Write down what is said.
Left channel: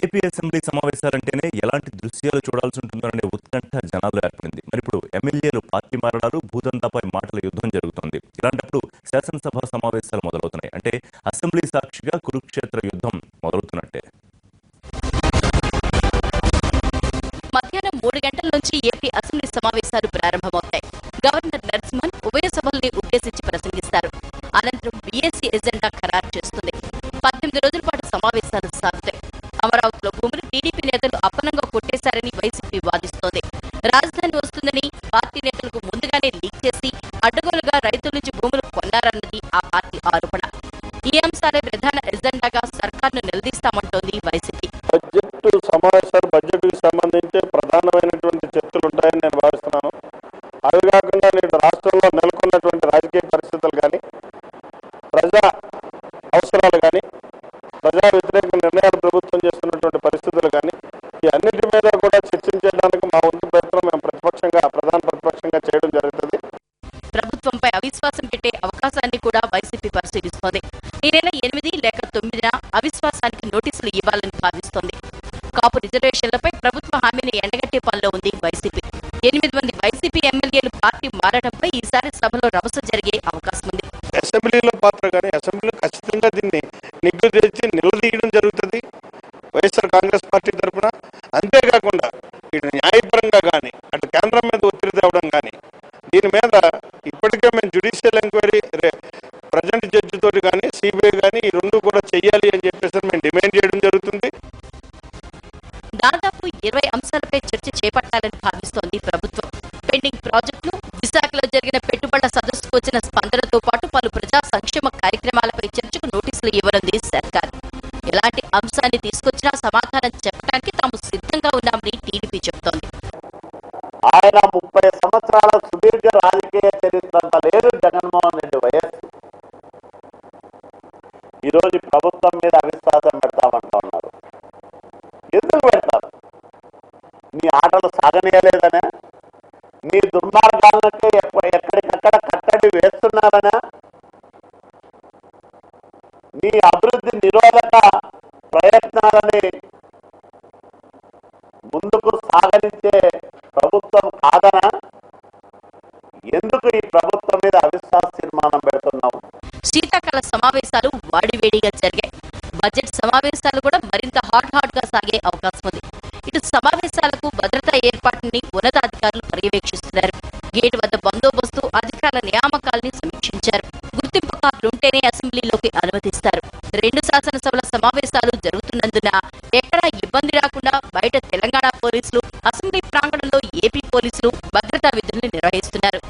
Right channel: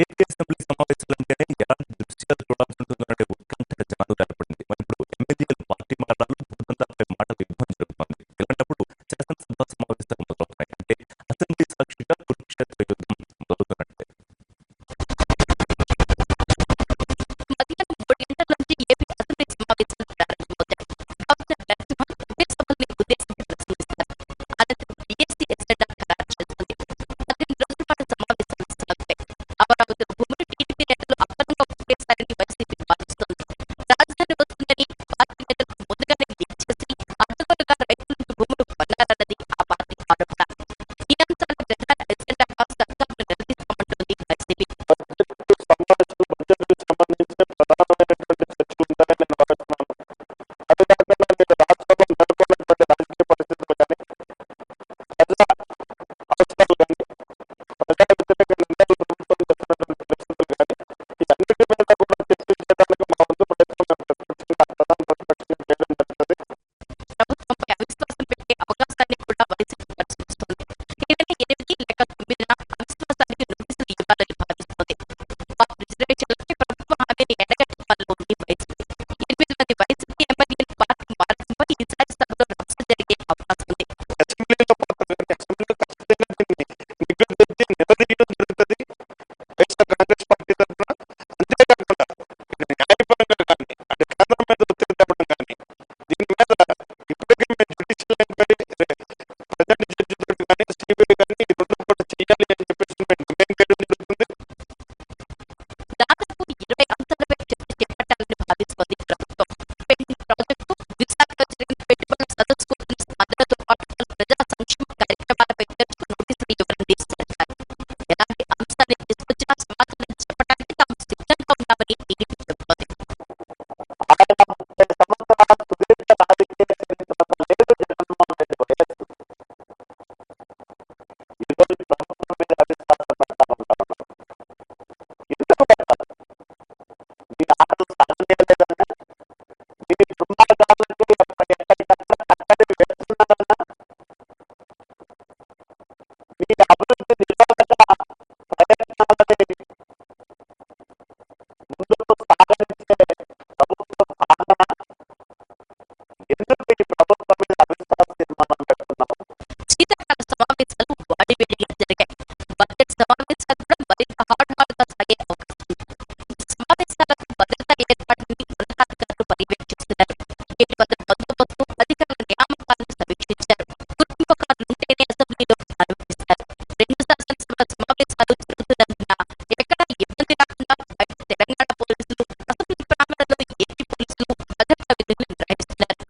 AP assembly సమావేశాలంటేనే ఎలాంటి దృశ్యాలు చూడాల్సి ఉంటుందోననే ఉత్కంఠ జనాల్లో ఏర్పడింది. మరిప్పుడు ఎమ్మెల్యేలు పార్టీ మారడాలు, భూదందాపై మాటల యుద్ధం జరుగుతోంది. ఇలాంటప్పుడు శాసనసభ సమావేశాలు మొదలవుతున్నాయి. అంటే అసెంబ్లీ సాక్షిగా కురుక్షేత్ర యుద్ధం మొదలవుతున్నట్టే. మధ్యాహ్నం 3 గంటల నుంచి ఏపీ అసెంబ్లీ సమావేశాలు ప్రారంభమవుతాయి. గవర్నర్ నరసింహన్ ఉభయ సభల్ని ఉద్దేశించి ప్రసంగిస్తారు. అనంతరం బీఏసీ ఎజెండా ఖరారు చేస్తుంది. 18 రోజుల పాటు సమావేశాలు సాగుతాయి. అమరావతిలో భూములు టీడీపీ నేతలు అప్పనంగా కొట్టేశారని వైసీపీ వాదిస్తోంది. రాజధాని వస్తుందని పార్టీ నేతలకు ముందుగానే లీక్ చేసి అడ్డగోలుగా రైతుల నుంచి భూములు కొన్నారన్నది ఆ పార్టీ ఆరోపణ. ఈ అంశాలే ప్రధాన ఎజెండాగా సర్కార్ను నిలదీస్తామంటోంది వైసీపీ. బడ్జెట్ సమావేశాలు బడ్జెట్కు సంబంధించి ప్రధానమైనటువంటి చర్చలు ఉంటాయని నేను భావిస్తున్నాను. అవి కాకుండా నేడు రాష్ట్రంలో నెలకొన్నటువంటి రాజకీయ పరిస్థితులు కానీ, ప్రజా అవసరాలు కానీ, ప్రజా వ్యతిరేక నిర్ణయాలు ప్రభుత్వం చేస్తున్నటువంటి పరిస్థితులు కానీ, ఈ అన్నిటి మీద కూడా చర్చించడానికి మా వంతు ప్రయత్నం మేము ప్రధాన ప్రతిపక్షంగా చేయడం జరుగుతుంది. ప్రభుత్వంపై అవిశ్వాసం పెట్టే అవకాశాన్ని కూడా వైసీపీ పరిశీలిస్తోంది. ఈ నెల 8 లేక 9న అవిశ్వాసానికి నోటీసులు ఇవ్వాలని భావిస్తోంది. కాపు రిజర్వేషన్లపై ప్రభుత్వ హామీని ఎండగట్టే పనిలో ఉంది వైసీపీ. 8 మంది వైసీపీ ఎమ్మెల్యేలు పార్టీ మారటంపై ఈసారి సభలో రభస జరిగే అవకాశం ఉంది. అసెంబ్లీలో పాత్ర కానీ, అసెంబ్లీలో ఖచ్చితంగా దీన్ని నిగ్గు తెచ్చి నిలదీయడం జరుగుతుంది వైఎస్ఆర్ కాంగ్రెస్ పార్టీ తరఫున. అంతేకాకుండా ఇటు న్యాయపరంగా కానీ, అటు కేంద్రం మీద ఒత్తిడి తేవడం కానీ, దీని మీద ఇప్పటికే మేము జ్యుడిషియల్ ఎంక్వైరీ ప్రజెంట్ జడ్జి తోటి కానీ, సిబిఐ కానీ ఈ రెండు కూడా చెయ్యాలి అని చెప్పేసి మేము డిమాండ్ చేయడం జరుగుతుంది. దాదాపు 20 అంశాలపై చర్చ చేపట్టాలని భావిస్తోంది ప్రభుత్వం. పెండింగ్ ప్రాజెక్టులు, విశాఖలో జరిగిన పెట్టుబడుల సదస్సుకు వచ్చిన స్పందనతో పాటు పలు ప్రజా సంక్షేమ కార్యక్రమాలపై చర్చకు నోటీసులు ఇవ్వనుంది సర్కార్. ఎలాంటి అంశాన్ని తీసుకొచ్చినా సమాధానం చెప్పడానికి తాము సిద్ధంగా ఉన్నామని టీడీపీ చెబుతోంది. ఆయన 30 సంవత్సరాల సుదీర్ఘ రాజకీయ చరిత్ర అంతా లేదు జగన్మోహన్ రెడ్డి వయస్సు. ఈరోజు ప్రభుత్వం మీద అవిశ్వాసం పెడతామంటా ఉన్నారు. ఎందుకు పెడతారు? నీ ఆటలు సాగనీయలేదనే, నీ దుర్మార్గాలకే ఎక్కడికక్కడ కట్టడి వేస్తున్నారనా, నీ అభివృద్ధి నిరోధక ప్రయత్నాలని ముందుకు సాగనించే ప్రభుత్వం కాదనా? ఎందుకు ఈ ప్రభుత్వం మీద అవిశ్వాస తీర్మానం పెడుతున్నావు? శీతాకాల సమావేశాలు వాడివేడిగా జరిగాయి. బడ్జెట్ సమావేశాలు కూడా మరింత హాట్ గా సాగే అవకాశం ఉంది. ఇటు సమావేశాలకు భద్రతా ఏర్పాట్లని ఉన్నతాధికారులు పర్యవేక్షిస్తున్నారు. గేటు వద్ద బందోబస్తు, అధికారుల నియామకాల్ని సమీక్షించారు. గుర్తింపు కార్డులుంటేనే అసెంబ్లీలోకి అనుమతిస్తారు. 2 శాసనసభల సమావేశాలు జరుగుతున్నందున ఎక్కడా ఇబ్బంది రాకుండా బయట తెలంగాణ పోలీసులు, అసెంబ్లీ ప్రాంగణంలో ఏపీ పోలీసులు భద్రతా విధుల్ని నిర్వహిస్తున్నారు.